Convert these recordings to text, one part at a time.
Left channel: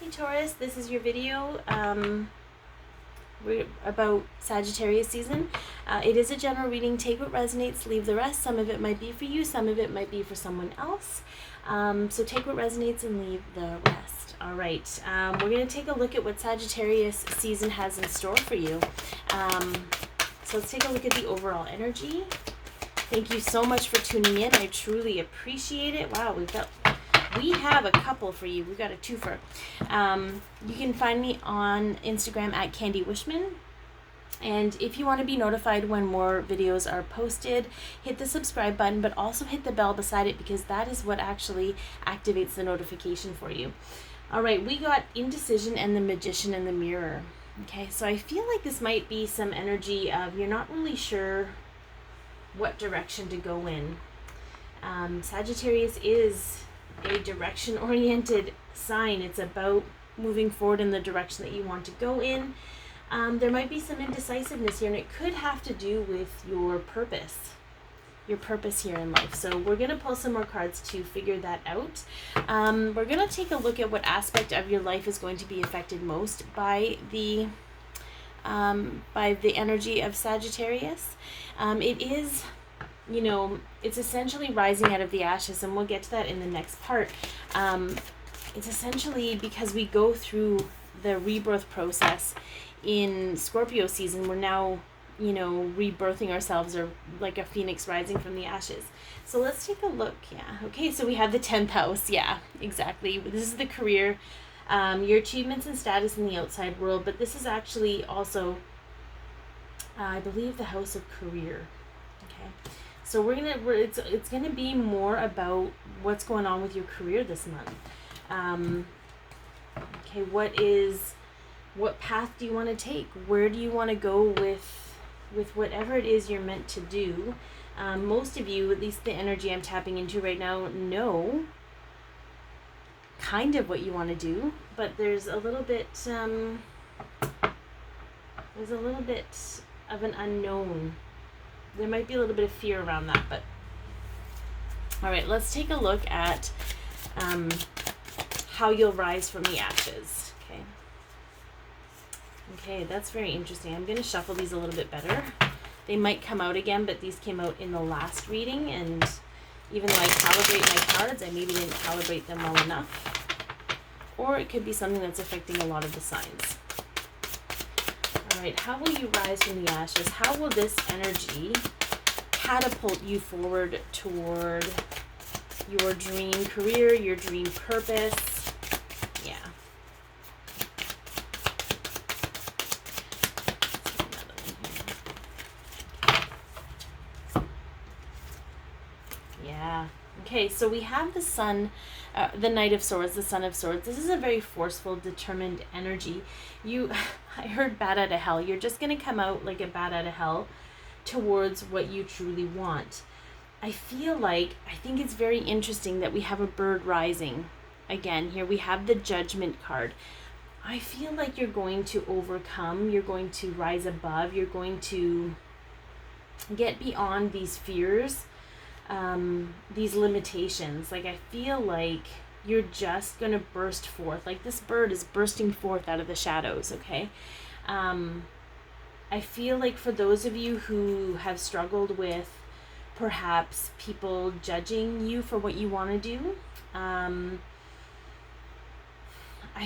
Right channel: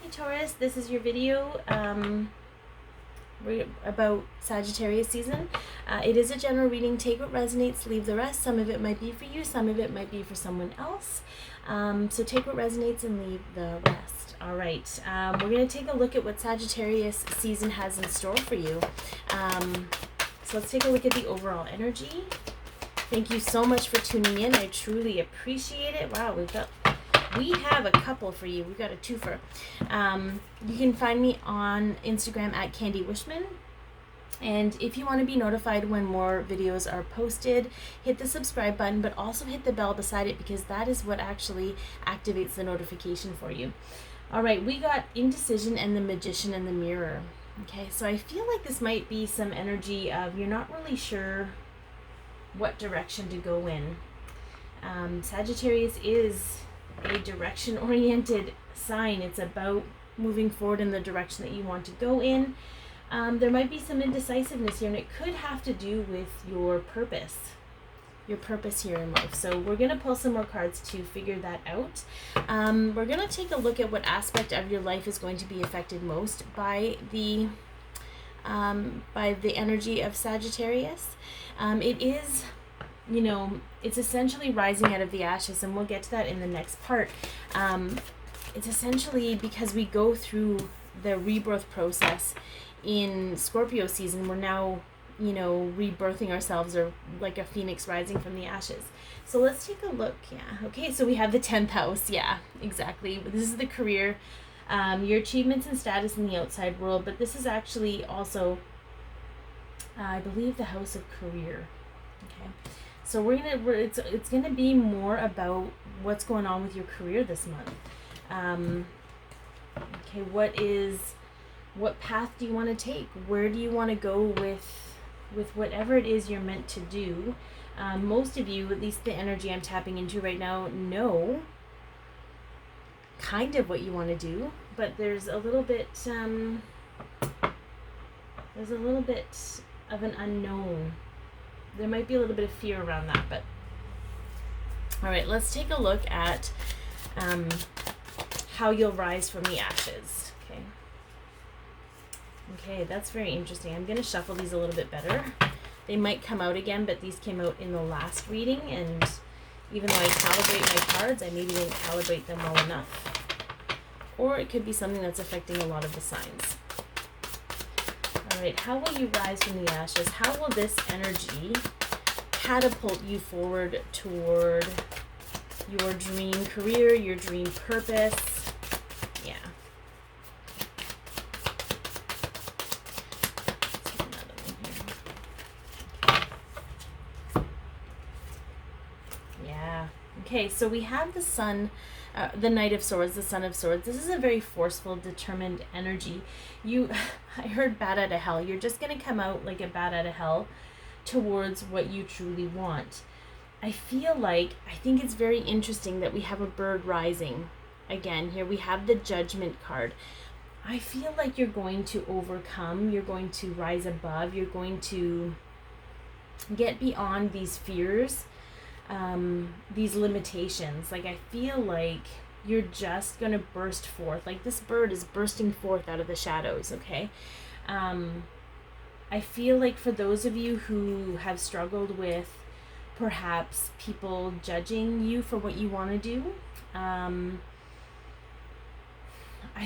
Hey Taurus, this is your video about Sagittarius season. It is a general reading. Take what resonates, leave the rest. Some of it might be for you, some of it might be for someone else. So take what resonates and leave the rest. All right, we're going to take a look at what Sagittarius season has in store for you. So let's take a look at the overall energy. Thank you so much for tuning in. I truly appreciate it. Wow, we have a couple for you. We've got a twofer. You can find me on Instagram at Candi Wishman. And if you want to be notified when more videos are posted, hit the subscribe button, but also hit the bell beside it, because that is what actually activates the notification for you. All right, we got Indecision and the Magician and the Mirror. Okay, so I feel like this might be some energy of you're not really sure what direction to go in. Sagittarius is a direction-oriented sign. It's about moving forward in the direction that you want to go in. There might be some indecisiveness here, and it could have to do with your purpose here in life. So we're going to pull some more cards to figure that out. We're going to take a look at what aspect of your life is going to be affected most by the energy of Sagittarius. It is, it's essentially rising out of the ashes, and we'll get to that in the next part. It's essentially because we go through the rebirth process in Scorpio season. We're now, rebirthing ourselves, or like a phoenix rising from the ashes. So let's take a look. Yeah. Okay, so we have the 10th house. Yeah, exactly. This is the career, your achievements and status in the outside world, but this is actually also, I believe, the house of career. Okay. So it's gonna be more about what's going on with your career this month. Okay, what path do you want to take? Where do you want to go with whatever it is you're meant to do? Most of you, at least the energy I'm tapping into right now, know kind of what you want to do, but there's a little bit of an unknown. There might be a little bit of fear around that, but all right, let's take a look at how you'll rise from the ashes. Okay, that's very interesting. I'm going to shuffle these a little bit better. They might come out again, but these came out in the last reading, and even though I calibrate my cards, I maybe didn't calibrate them well enough. Or it could be something that's affecting a lot of the signs. All right, how will you rise from the ashes? How will this energy catapult you forward toward your dream career, your dream purpose? Yeah. Yeah. Okay, so we have the sun, the Knight of Swords, the Son of Swords. This is a very forceful, determined energy. I heard bat out of hell. You're just going to come out like a bat out of hell towards what you truly want. I think it's very interesting that we have a bird rising. Again, here we have the Judgment card. I feel like you're going to overcome, you're going to rise above, you're going to get beyond these fears, these limitations. Like, I feel like you're just going to burst forth. Like this bird is bursting forth out of the shadows, okay? I feel like for those of you who have struggled with perhaps people judging you for what you want to do, I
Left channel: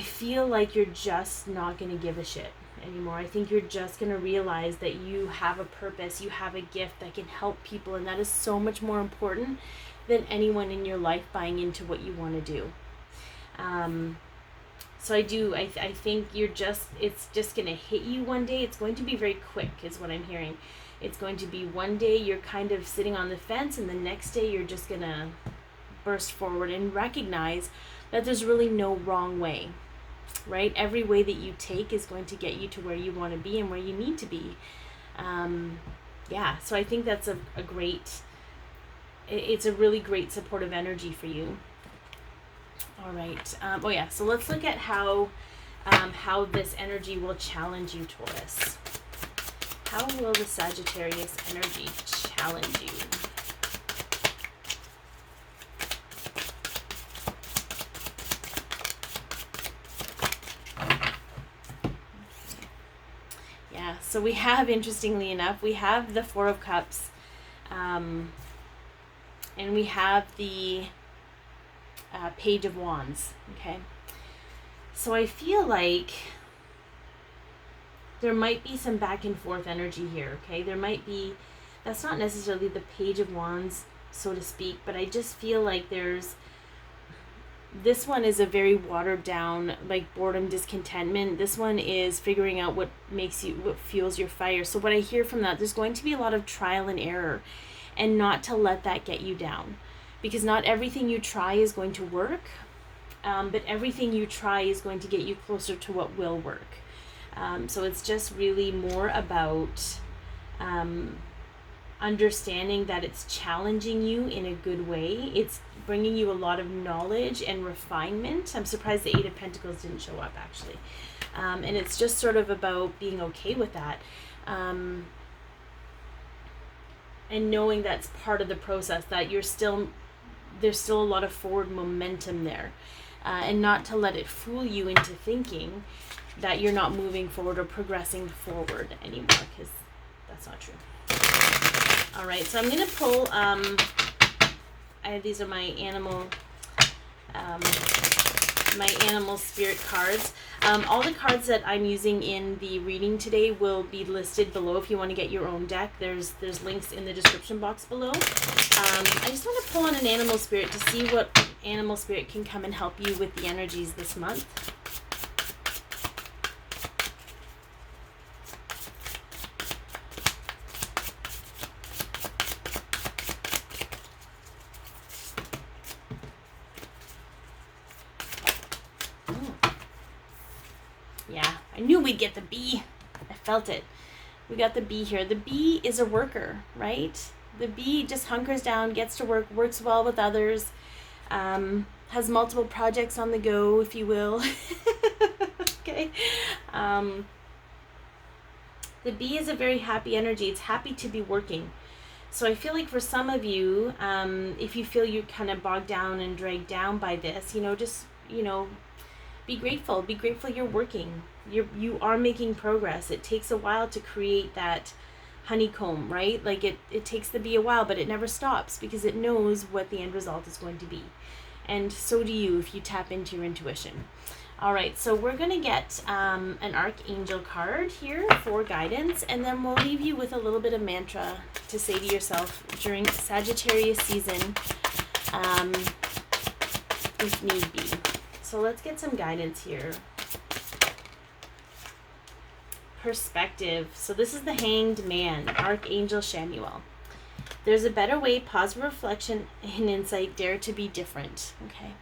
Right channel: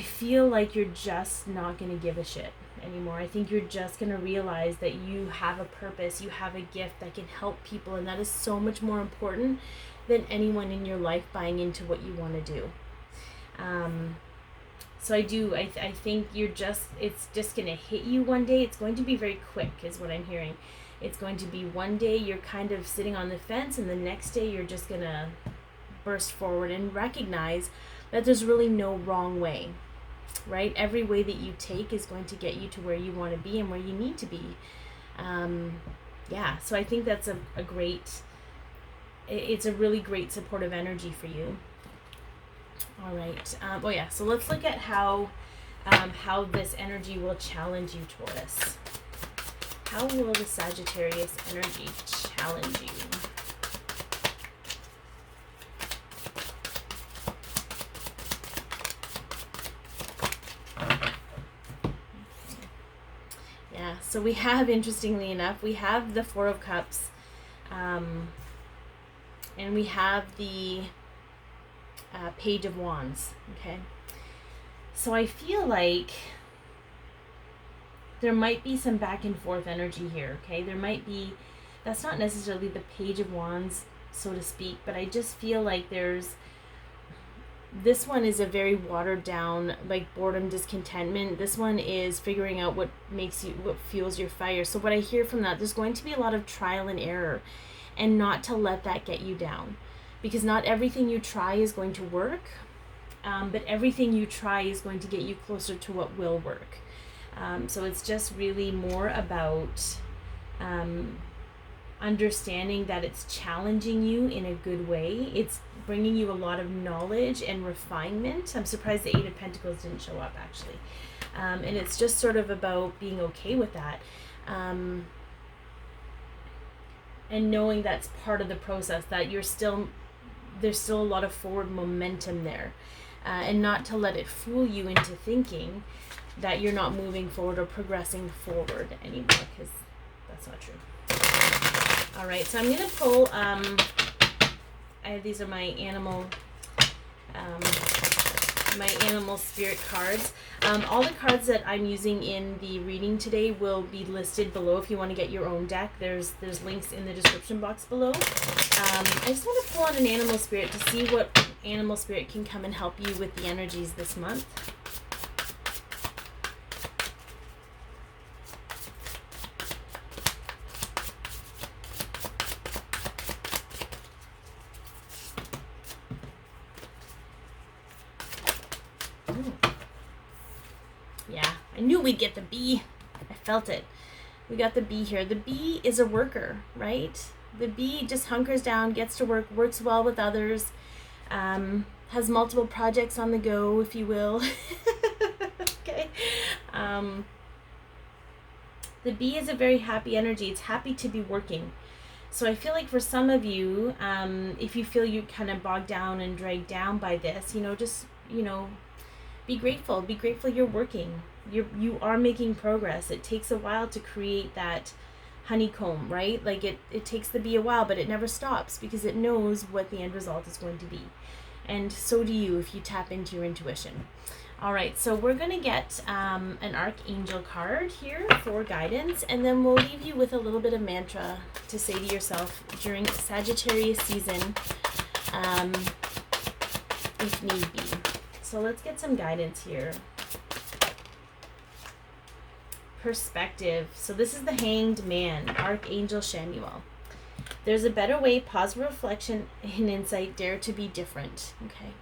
feel like you're just not going to give a shit anymore. I think you're just going to realize that you have a purpose, you have a gift that can help people, and that is so much more important than anyone in your life buying into what you want to do. So I think it's just going to hit you one day. It's going to be very quick is what I'm hearing. It's going to be one day you're kind of sitting on the fence, and the next day you're just going to burst forward and recognize that there's really no wrong way, right? Every way that you take is going to get you to where you want to be and where you need to be. So I think that's it's a really great supportive energy for you. All right. So let's look at how this energy will challenge you, Taurus. How will the Sagittarius energy challenge you? So we have, interestingly enough, we have the Four of Cups, and we have the Page of Wands, okay? So I feel like there might be some back and forth energy here, okay? There might be, that's not necessarily the Page of Wands, so to speak, but I just feel like this one is a very watered down, like boredom, discontentment. This one is figuring out what fuels your fire. So what I hear from that, there's going to be a lot of trial and error, and not to let that get you down, because not everything you try is going to work, but everything you try is going to get you closer to what will work. So it's just really more about understanding that it's challenging you in a good way. It's bringing you a lot of knowledge and refinement. I'm surprised the Eight of Pentacles didn't show up, actually. And it's just sort of about being okay with that. And knowing that's part of the process, that there's still a lot of forward momentum there. And not to let it fool you into thinking that you're not moving forward or progressing forward anymore, because that's not true. All right, so I'm going to pull, these are my animal spirit cards. All the cards that I'm using in the reading today will be listed below if you want to get your own deck. There's links in the description box below. I just want to pull on an animal spirit to see what animal spirit can come and help you with the energies this month. We'd get the bee. I felt it. We got the bee here. The bee is a worker, right? The bee just hunkers down, gets to work, works well with others, has multiple projects on the go, if you will. Okay. The bee is a very happy energy. It's happy to be working. So I feel like for some of you, if you feel you're kind of bogged down and dragged down by this, just, be grateful. Be grateful you're working. You are making progress. It takes a while to create that honeycomb, right? Like it takes the bee a while, but it never stops because it knows what the end result is going to be. And so do you if you tap into your intuition. All right, so we're going to get an Archangel card here for guidance, and then we'll leave you with a little bit of mantra to say to yourself during Sagittarius season, if need be. So let's get some guidance here. Perspective. So this is the Hanged Man, Archangel Shamuel. There's a better way, pause for reflection and insight, dare to be different. Okay.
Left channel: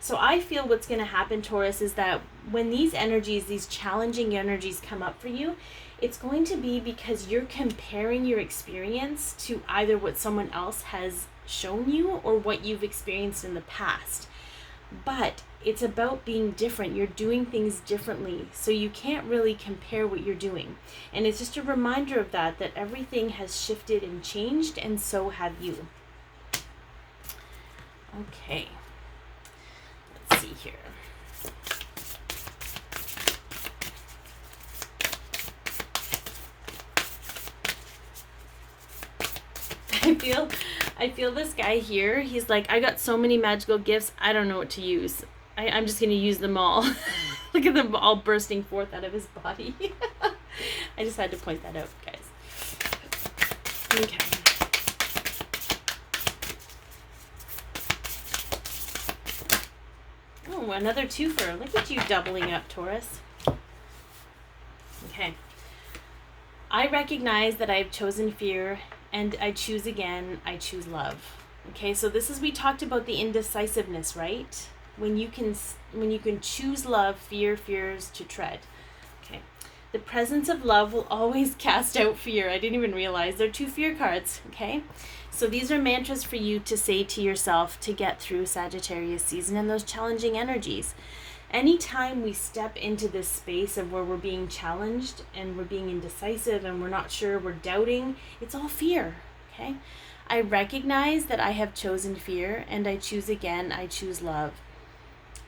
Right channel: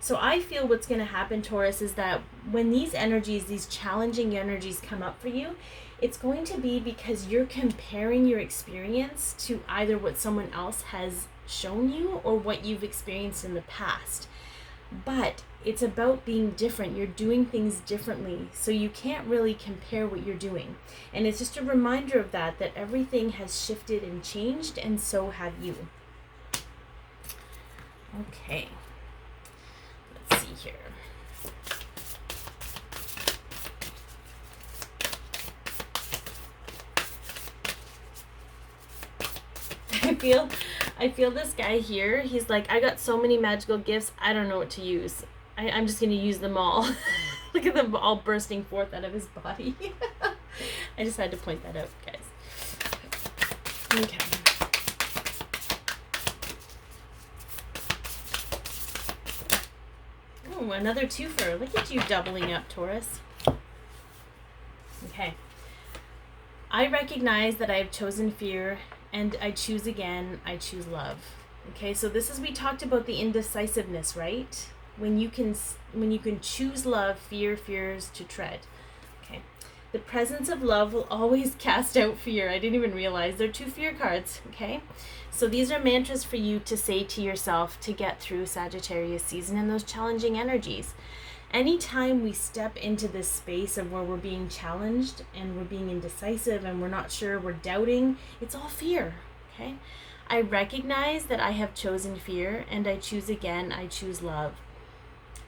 So I feel what's going to happen, Taurus, is that when these energies, these challenging energies come up for you, it's going to be because you're comparing your experience to either what someone else has shown you or what you've experienced in the past. But it's about being different. You're doing things differently, so you can't really compare what you're doing. And it's just a reminder of that everything has shifted and changed, and so have you. Okay. Let's see here. I feel this guy here, he's like, I got so many magical gifts, I don't know what to use. I'm just going to use them all. Look at them all bursting forth out of his body. I just had to point that out, guys. Okay. Oh, another twofer. Look at you doubling up, Taurus. Okay. I recognize that I have chosen fear, and I choose again. I choose love. Okay, so this is, we talked about the indecisiveness, right? When you can choose love, fear fears to tread. Okay. The presence of love will always cast out fear. I didn't even realize there are two fear cards. Okay. So these are mantras for you to say to yourself to get through Sagittarius season and those challenging energies. Anytime we step into this space of where we're being challenged and we're being indecisive and we're not sure, we're doubting, it's all fear. Okay. I recognize that I have chosen fear, and I choose again. I choose love.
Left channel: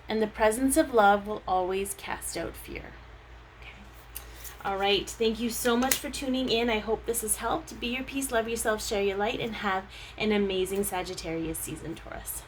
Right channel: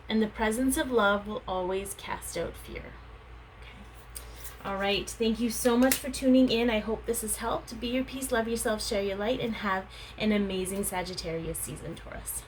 And the presence of love will always cast out fear. Okay. All right. Thank you so much for tuning in. I hope this has helped. Be your peace, love yourself, share your light, and have an amazing Sagittarius season, Taurus.